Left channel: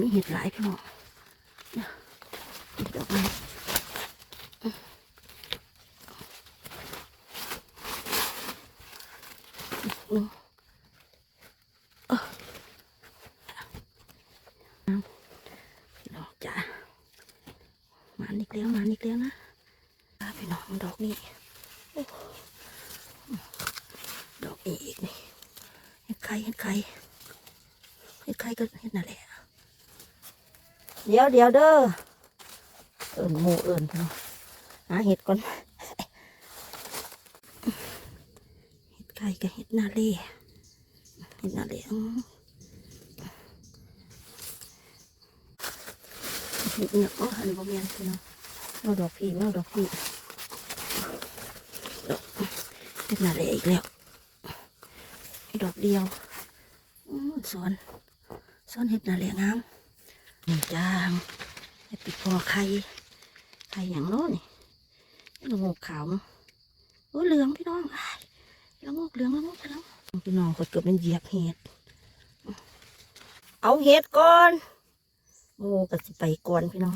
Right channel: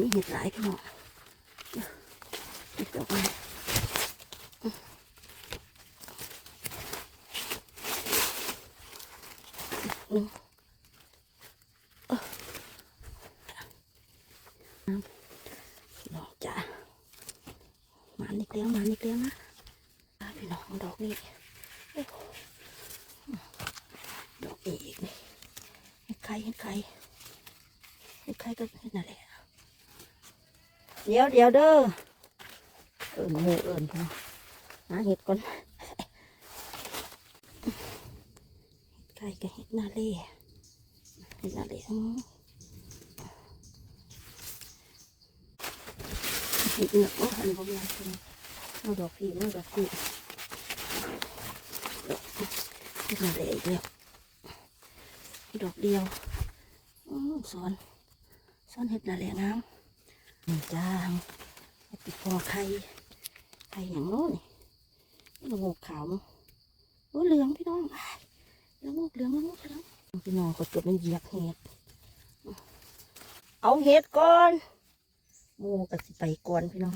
มีเห็ดหลายพี่น้องเห็ดดอกไม้อืมเออพี่น้องจ้ามานิดเดียวมานิดเดียวนะพี่น้องดอกนี้ดอกนี้อีกนี่เห็ดไข่เห็ดไข่เห็ดไข่ก็เห็ดนั่นแหละ เดี๋ยวเดี๋ยวเด้อเอินหมูเอินพี่น้องหาเห็ดก่อนเห็ดไก่กับเห็ดนาเล่เห็ดนาเล่เห็ดเนาะอ๋ออันนี้บ่แม่นพี่น้องเอาดอกพีเอาดอกพีดอกเห็ดนาเล่อีกแล้วดอกเดียวสวนสวนเห็ดนาเล่งาม จ้าไอปิดคอไข่ไข่อย่างโน้นนี่ละโงกขาวโอ้เหลืองพี่น้องอ้ายละโงกเหลืองละโงกเหลืองพี่น้องกดเกือบเป็นเหยียบเห็ดเอาเห็ดก่อนโอ้ก็สิไปก่อนพี่น้อง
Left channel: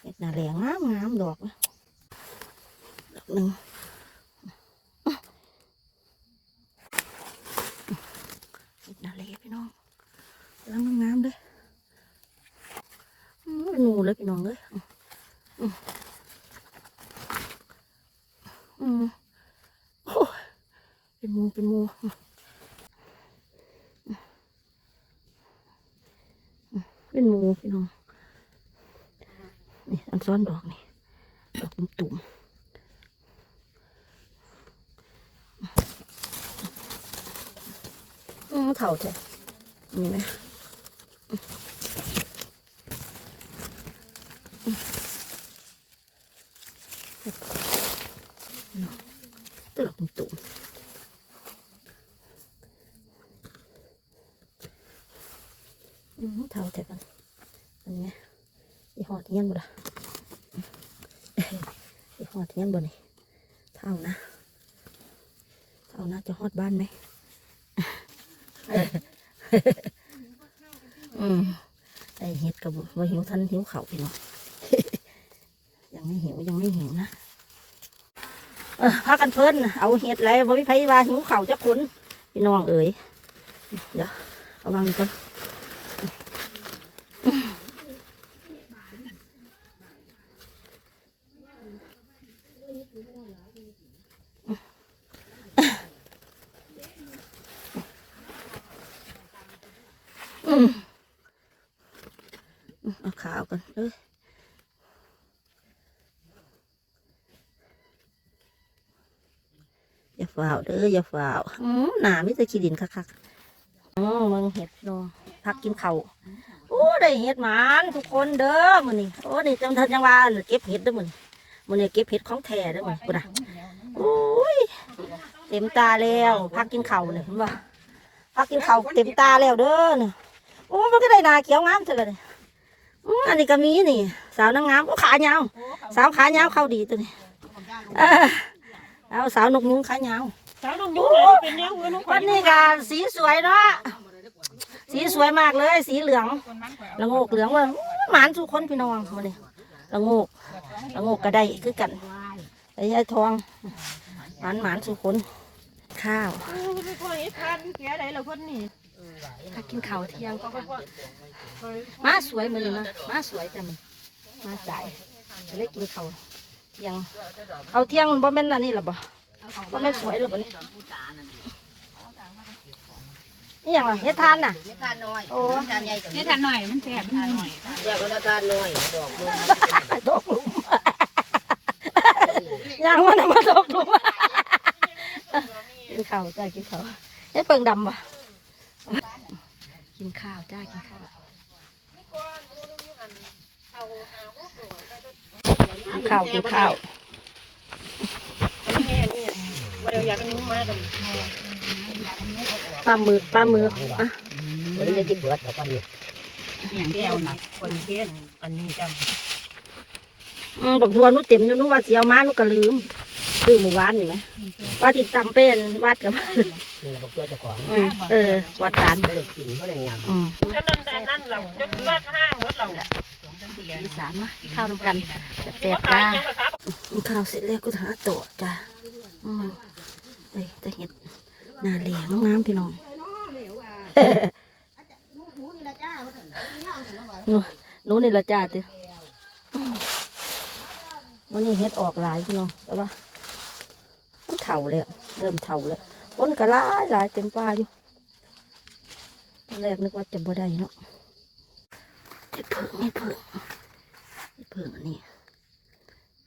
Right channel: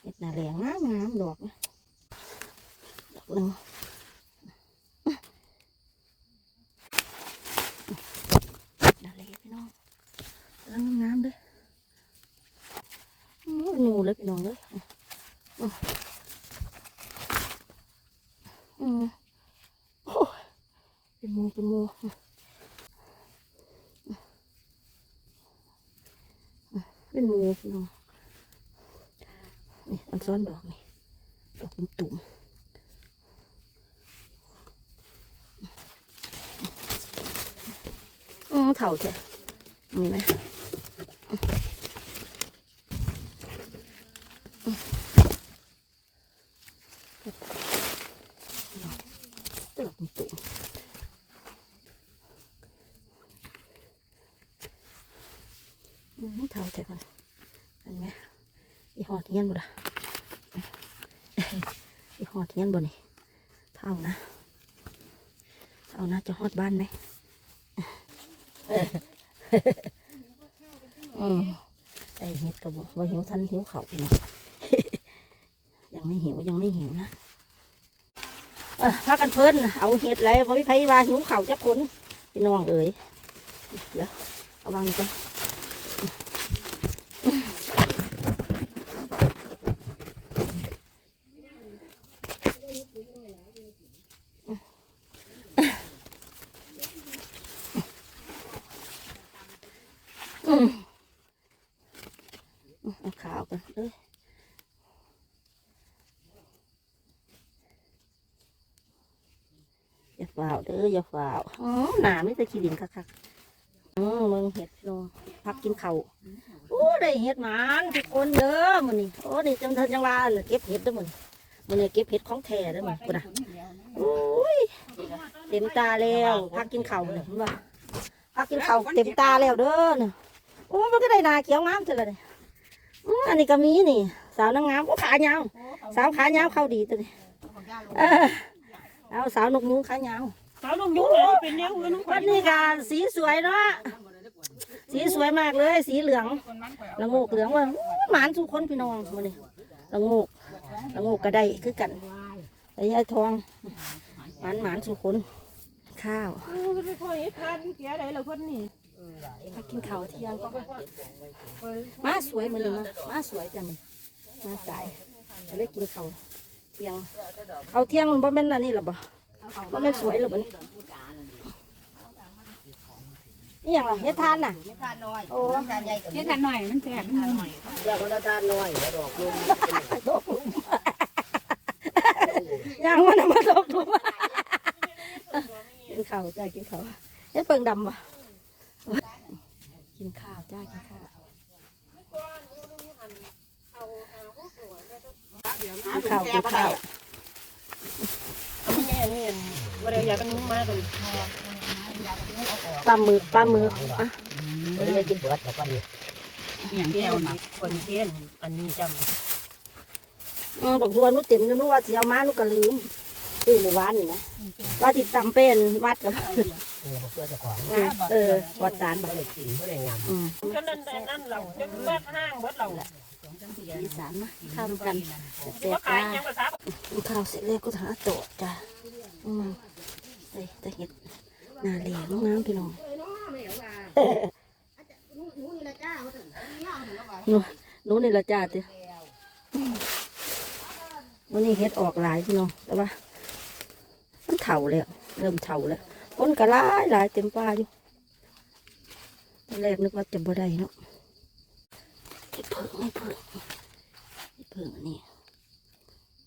เห็ดหน้าแหลงงามงามดอกนะดอกหนึ่งหน้าแหลงพี่น้องแล้วงามๆเลยอื้อเป็ นหนูเลยพี่น้องเลยอืมโอ้เป็นหมูเป็นหมูเป็นหมูพี่น้องนี่อันซ้อนดอกนี่ดอกตุ่มๆอืมเถ่าเถอะนี่ไหม ตึกตุ่มอืมเท่าแต่กันอันนี้อีหอดเงี้ยนบ่ล่ะอีหอดเงี้ยนบ่นี่เท่านะเท่านะจะฮ อดบ้านไหมอืมไอเห็ดกับว่าหิวทันหิวเข่าวพี่น้องยังไม่หิวยังไม่หิวนะเออพากันเพิ่นเอาเห็ดอะไรบ่มีไผว่าหิวข้าวจักคนพี่น้องเอ๋ยเดี๋ยวเอาวางนี่ก่อน เอาขาวกันเอ้ยอย่าฝ่าวเด้ออย่าฝ่าวอืมหนาไม่จะขี้ดินคักๆอืมมึงเห็ดลงพักกินเขาวโอ้ได้เห็ดหมานทุกคนเด้อมันนี่โอ้นี่จังทันจังว่าเก็บเห็ดเด้อมันมันนี่เก็บเห็ดของแท้เด้อมันกูนะโอ้ยเต็มตาแล้วพักกินเขาวเนี่ยเห็นบ่พักกินเขาวเต็มตาแล้วเด้อเนี่ย โอ้มันก็ได้นาเขียวงามเท่าเลยอืมอันนี้ก็มีนี่ สาวนางงามโอ้ขายาว สาวขายาวเข้าดีตัวนี้เออเอาสาวนกมุ้งขายาวสาวลงยุ้งเลยเป็นแนวอื่นวันนี้ก็สีสวยเนาะสีสวยมากเลย สีเหลืองละโงกเหลืองว่าหมานทุกคนพี่น้องวันนี้ละโงกละโงกก็ได้คือกันไอ้ยายทองหมานหมานทุกคนข้าวไม่ค่อยทันเสียอะไรเหรอคนนี่ ถ้ากินข้าวเที่ยงก็มาสวยมือนะมาสวยจังมาสายจะได้กินข้าวเที่ยงเอาเที่ยงมันบ่แม่นอันนี้หรอบ่บ่แม่นสวยหรือบ่นี่นี่อย่างไรเฮ็ดทานน่ะทานน้อยโอ้จานใหญ่กับนี่ทันหน่อยมันแสบหน่อยเดี๋ยวเวลาทานน้อยดอกลมดอกหลุมยังมันมาดอกหลุมกินข้าวจ้ากินข้าวเฮ็ดเปิงดำวะ กินข้าวจ้ากินข้าวข้าวกินข้าวปลาหมึกปลาหมึกอะเดี๋ยวจะกินเบิดแต่กันอย่างเดียวนะคนเที่ยงอันนี้จอืมบอกทวนนู้เต็มอยู่นู้ว่าเสียวมานู้ก็ลืมคือหมู่บ้านนี่ว่าติดจำเป็นวัดกับ นี่เราเพื่อจะของอืมเออวัดฐานไม่ได้กินไม่ได้ยำอืมจนนั่นแต่นั่นเราจนว่าห้างหมดเราอีสานมาข้าวน้ำกันแซ่บขายจ้ายังภาษากินข้าวเสร็จแล้วก็หาโต๊ะจ้าอืมเอ้ยแต่เห็ดหนาเหลียงน้ำพี่น้องหนูหนูนี่ละจ้าติวันนี้เห็ดออกหลายพี่น้องแต่ว่ามันเถ่าแล้ว เริ่มเถ่าแล้ว คนก็หลายหลายเต็มป่าอยู่แรกนึกว่าจะบ่ได้เนาะเห็ดเพิ่งเห็ดเพิ่งเห็ดเพิ่งนนี้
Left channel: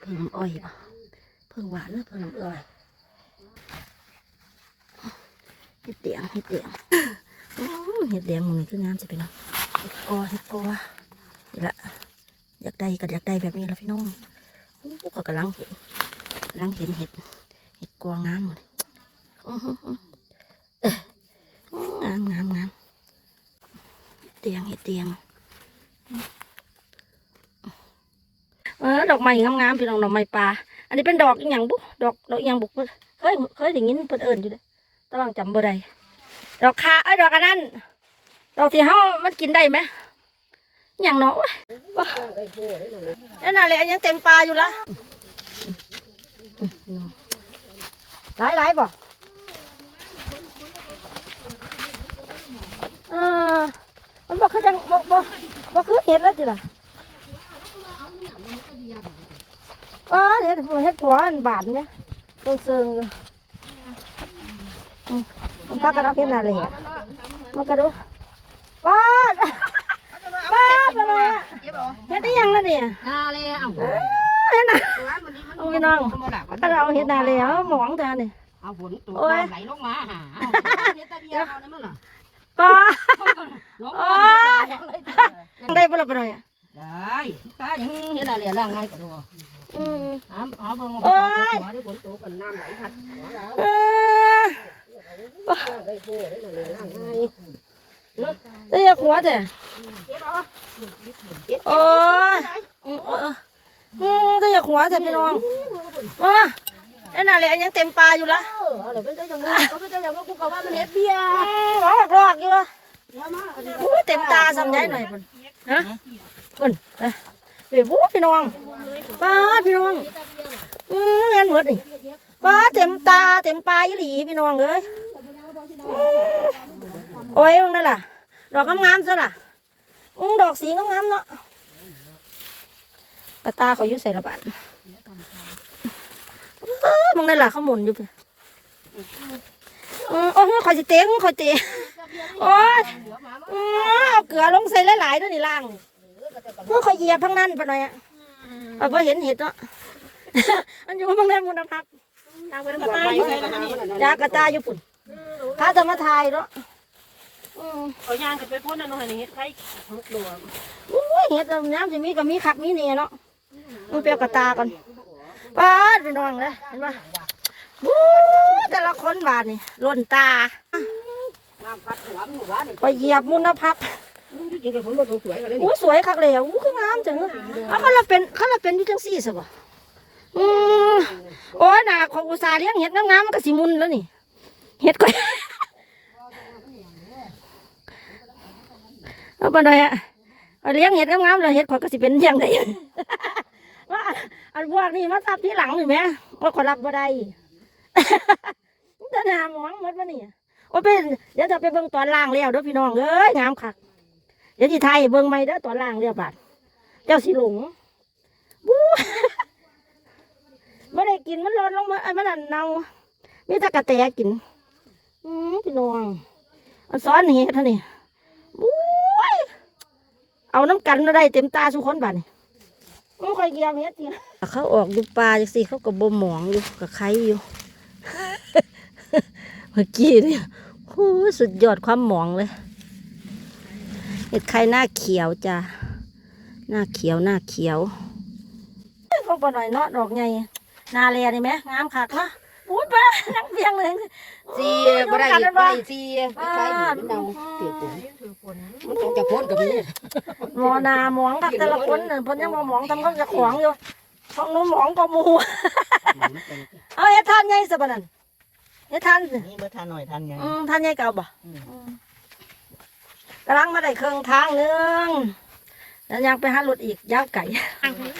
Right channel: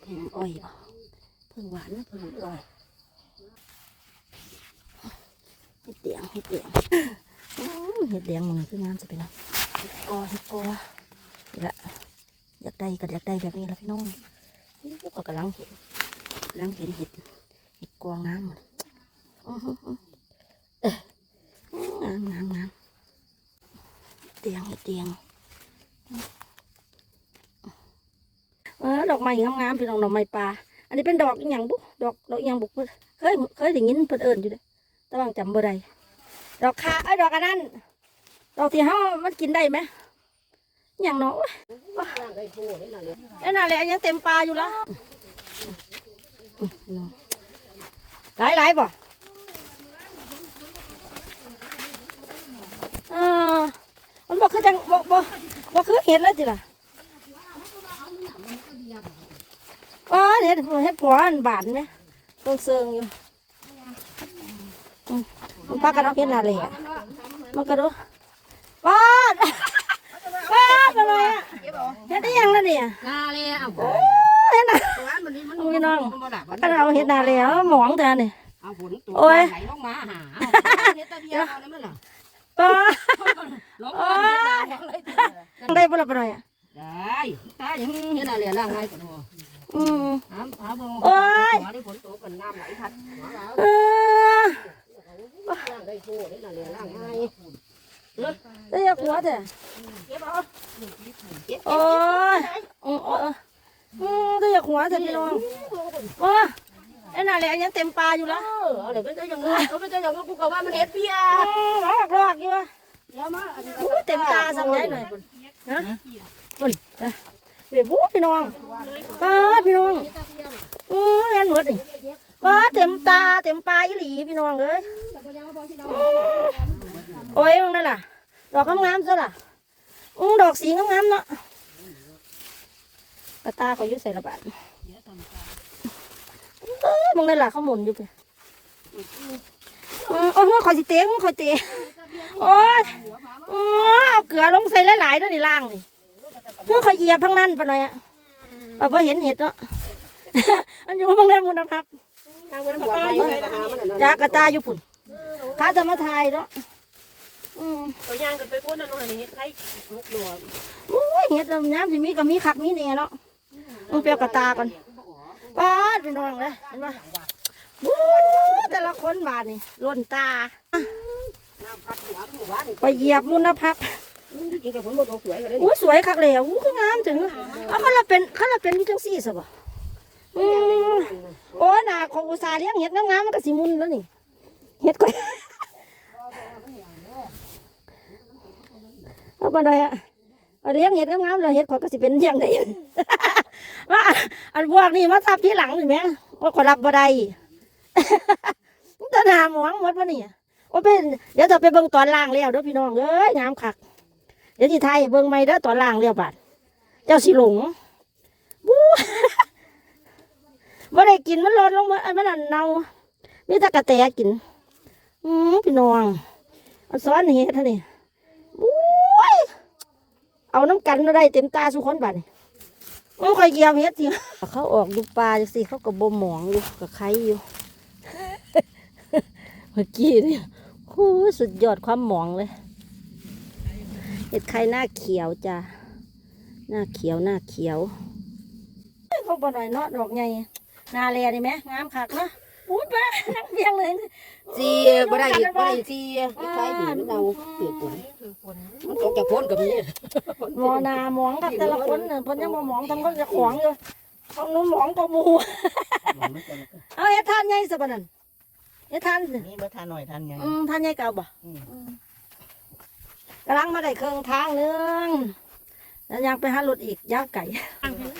เพิ่งอ้อยปะเพิ่งหวานเพิ่งอ้อยเห็ดเดียงเห็ดเดียงเห็ดเดียงมันคืองามจะเป็นเนาะเห็ดกอเห็ดกอนี่ละอยากได้ก็อยากได้แบบนี้ละพี่น้องอู้ก็กำลังเห็นกำลังเห็นเห็ดเห็ดกองามเลย งามงามงามเห็ดเดียงเห็ดเดียงเออดอกไม้งามๆพี่น้องดอกไม้ป่าอันนี้เป็นดอกอย่างบุดอกดอกอย่างบุกเคยเคยเคยได้ยินเพิ่นเอิ้นอยู่เด้อต้องจำบ่ได้ดอกคาเอ้ดอกอันนั้นดอกที่เฮามันกินได้ไหมอย่างเนาะร่างได้นั่นน่ะแหละยังเต็มป่าอยู่ละหลายหลายบ่ ออมันบ่คือจังบ่บ่บ่คือเห็ดแล้วจิล่ะอ๋อเนี่ยเฮ็ดผัวอันบาดเนี่ยต้องเซิงอยู่อืมมันพักกระดอกเฮ็ดนาเลยอะมันกระโดดว้าดว้าดไปเลยอะเฮ็ดได้ยังแล้วเนี่ยนาเลยอะเฮ็ดน่ะมันนี่มันเอาพี่น้องกระดอกเฮ็ดนาเลยเอาหมองเธอเนี่ยเอาฝนตัวโอ้ยไหลลงมาหาเนี่ยตาเบียเอาเนี่ยมันเหรอ ป้าลงโอ้มายได้บ่ล่ะไปหน่อยอะได้ตาอย่างนี้เห็นอะไรล่างไงกันหัวอืมหาหาเบิ่งโอ้ยหัวได้ฝนตกกันน้ำไหลทัดหัวแล้วเออร่างกายโง่ได้เลยร่างไงได้ยาขัวแต่โอ้ยอืมเอออืมได้ยาขัวแต่พี่น้องโอ้ย ไอ้น่าแหละยังเต็มปลาอยู่ละเอออะไรไม่ใช่อย่างนี้เขาไม่ใช่อย่างนี้กูก็ว่ามันเฮ็ดเบียร์อืมหมอกรอกอยู่วะเดี๋ยวมาอันนี้อู้เต็มตาสำยัยหน่อยพุ่นฮะพุ่นนะเดี๋ยวบู๊พี่น้องป้าดพี่น้องอืมแม่นหมดนี่ป้าดเต็มตาเต็มปลาอีหลีพี่น้องเอ้ยอืมโอ้ยมึงนั่นล่ะ ดอกงามๆซะล่ะอืมดอกสีงามๆเนาะกระตาเขาอยู่ใส่ระบาด เอองนั่นล่ะเขาหมุนอยู่เพิ่นอืมโอ้อยสิเตะมึงขอยเตะโอ้ยอ๋อเอาเกลือลงใส่หลายๆด้วยนี่ล่างดิเพื่อขอยเหยียบทั้งนั้นไปหน่อยอะเอาพอเห็นเห็ดเนาะมันอยู่บางแรงมุนพักทางไปทางขวาไปเลยนะมันยากระจายอยู่ปุ่นพระธรรมทายเนาะอืมตัวย่างกันไปพ่นนั่นนู่นนี่ไทยมุกดัวอุ้ยเห็ดตรงน้ำสิมีก็มีคักมีเนี่ยเนาะมึงเปรียวกระตากัน ป้าดเป็นน้องเลยเห็นปะวู้แต่ละคนบาดนี่ล้นตา ไปเหยียบมุนพักจริงๆกับผมบ่สวยก็ได้อู้สวยคักเลยอะอู้คืองามจังเลยเอาเขาเราเป็นเขาเราเป็นอยู่จังสี่สิบ่อืมโอ้ยน่ะของอุตสาห์เลี้ยงเห็ดงามๆมันก็สิมุนแล้วนี่ เห็ดก็เอาไปหน่อยอะเอาเลี้ยงเห็ดงามๆแล้วเห็ดขอยก็สิเป็นอย่างไร ว่าอันพวกนี้มาทับที่หลังเห็นไหมว่าขอรับบ่ได้มันจะหนาหมองหมดวะนี่โอ้เป็นเดี๋ยวจะไปเบิ่งตอนล่างแล้วเด้อพี่น้องเอ้ยงามคักเดี๋ยวที่ไทยเบิ่งไม่เด้อตอนล่างเรียบบาดเจ้าสิหลงบู๊บ่ได้กินมันลดลงมาอันมันอันเน่ามีแต่กระแตกินอืมพี่น้องอันซ้อนเห็ดท่านี้บู๊เอาน้ำกันมาได้เต็มตาสุกคนบาดนี่ มันค่อยเกี่ยวเห็ดสิเขาออกดูปลาจังสิเขาก็บ่หมองอยู่กับไข่อยู่เมื่อกี้นี่โอ้ยสุดยอดความหมองเลยเห็ดไข่หน้าเขียวจ้ะหน้าเขียวหน้าเขียวพวกปหน่อยเนาะดอกใหญ่หนาแลนี่ไหมงามคักเนาะ อุ้ยป้านังเบียงเลยซีบ่ได้บ่ได้ซีคล้ายๆมันเอาเตียฝนมันตกจากพ้นกับนี้หมอนาหมองกับแต่ละคนน่ะเพิ่นยังบ่หมองทำก็จะขวางอยู่ของนู้นหมองก็มูเอาเฮ็ดทานใหญ่ซะบ่นั่นเฮ็ดทานนี่บ่ทานหน่อยทานยังอืมทานใหญ่เก่าบ่กำลังมาได้เครื่องทางหนึงแล้วยังไปหารถอีกย่างไก่ทางที่